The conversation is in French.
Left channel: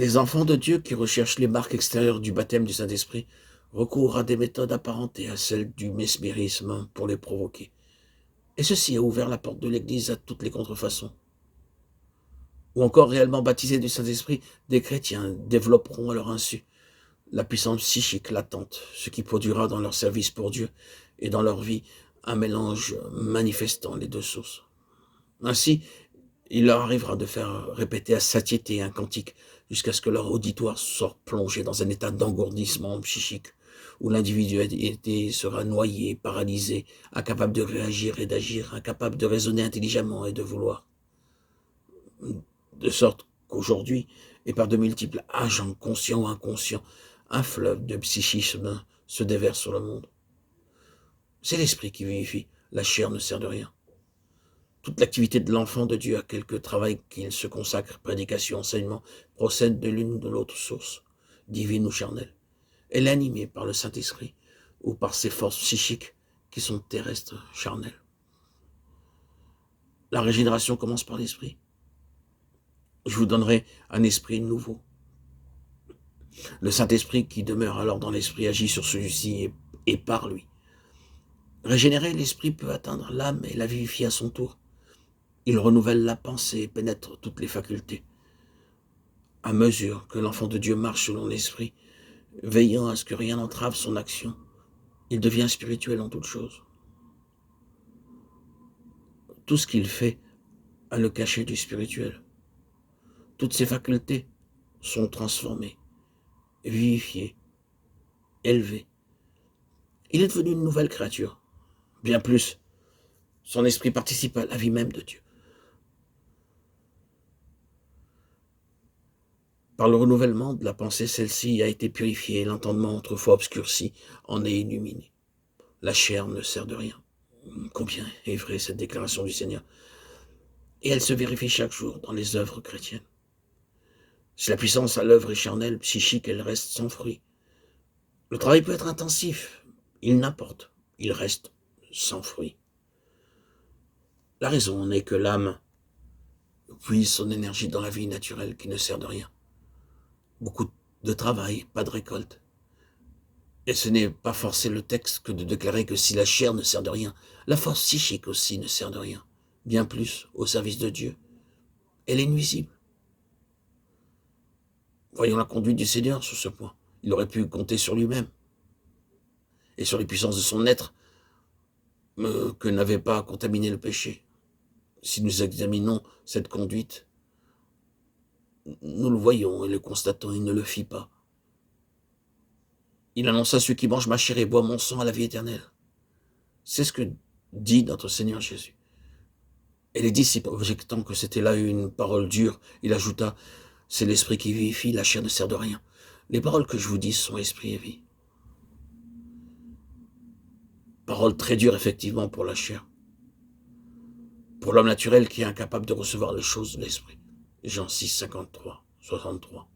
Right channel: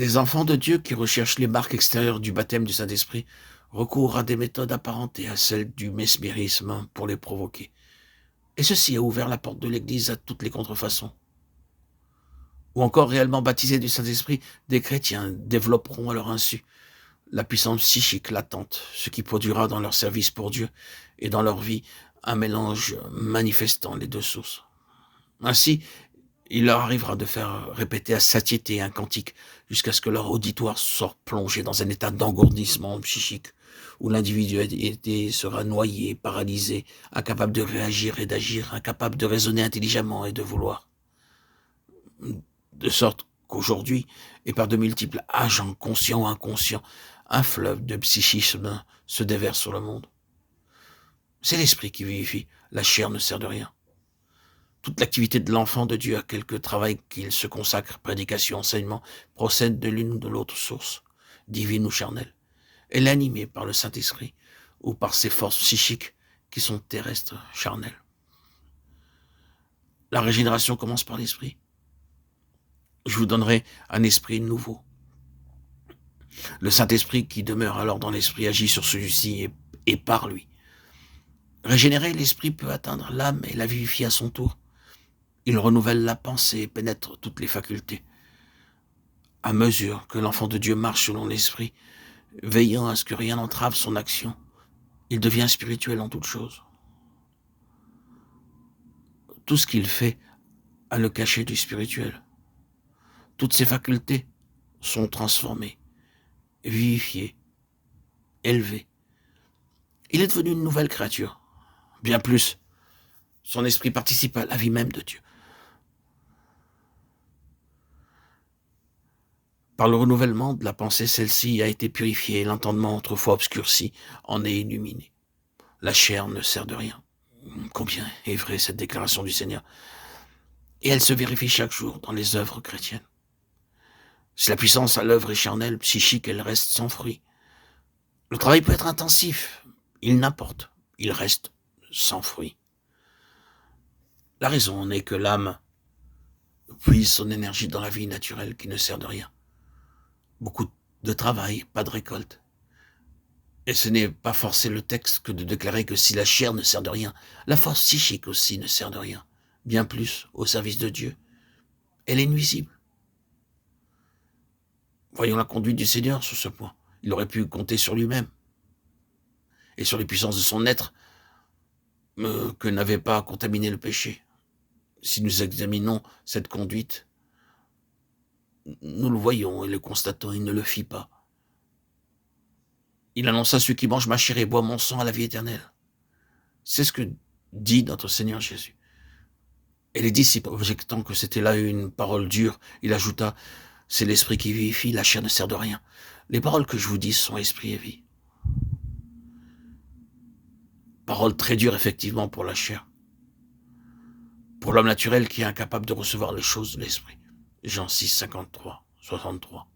Des enfants de Dieu qui recherchent les marques extérieures du baptême du Saint-Esprit recourent à des méthodes apparentées à celles du mesmérisme pour les provoquer. Et ceci a ouvert la porte de l'Église à toutes les contrefaçons. Ou encore réellement baptisés du Saint-Esprit, des chrétiens développeront à leur insu la puissance psychique latente, ce qui produira dans leur service pour Dieu et dans leur vie un mélange manifestant les deux sources. Ainsi, il leur arrivera de faire répéter à satiété un cantique jusqu'à ce que leur auditoire soit plongé dans un état d'engourdissement psychique, où l'individualité sera noyée, paralysée, incapable de réagir et d'agir, incapable de raisonner intelligemment et de vouloir. De sorte qu'aujourd'hui, et par de multiples agents conscients ou inconscients, un fleuve de psychisme se déverse sur le monde. C'est l'esprit qui vivifie, la chair ne sert de rien. Toute l'activité de l'enfant de Dieu, à quelque travail qu'il se consacre, prédication, enseignement, procède de l'une ou de l'autre source, divine ou charnelle. Elle est animée par le Saint-Esprit ou par ses forces psychiques qui sont terrestres, charnelles. La régénération commence par l'esprit. Je vous donnerai un esprit nouveau. Le Saint-Esprit qui demeure alors dans l'esprit agit sur celui-ci et par lui. Régénérer, l'esprit peut atteindre l'âme et la vivifier à son tour. Il renouvelle la pensée et pénètre toutes les facultés. À mesure que l'enfant de Dieu marche selon l'esprit, veillant à ce que rien n'entrave son action, il devient spirituel en toutes choses. Tout ce qu'il fait a le cachet du spirituel. Toutes ses facultés sont transformées, vivifiées, élevées. Il est devenu une nouvelle créature. Bien plus, son esprit participe à la vie même de Dieu. Par le renouvellement de la pensée, celle-ci a été purifiée et l'entendement autrefois obscurci en est illuminé. La chair ne sert de rien. Combien est vraie cette déclaration du Seigneur. Et elle se vérifie chaque jour dans les œuvres chrétiennes. Si la puissance à l'œuvre est charnelle, psychique, elle reste sans fruit. Le travail peut être intensif, il n'importe, il reste sans fruit. La raison en est que l'âme puise son énergie dans la vie naturelle qui ne sert de rien. Beaucoup de travail, pas de récolte. Et ce n'est pas forcer le texte que de déclarer que si la chair ne sert de rien, la force psychique aussi ne sert de rien, bien plus au service de Dieu. Elle est nuisible. Voyons la conduite du Seigneur sur ce point. Il aurait pu compter sur lui-même et sur les puissances de son être que n'avait pas contaminé le péché. Si nous examinons cette conduite, nous le voyons et le constatons, il ne le fit pas. Il annonça à ceux qui mangent ma chair et boivent mon sang à la vie éternelle. C'est ce que dit notre Seigneur Jésus. Et les disciples, objectant que c'était là une parole dure, il ajouta, c'est l'esprit qui vivifie, la chair ne sert de rien. Les paroles que je vous dis sont esprit et vie. Paroles très dures effectivement pour la chair. Pour l'homme naturel qui est incapable de recevoir les choses de l'esprit. Jean 6, 53, 63.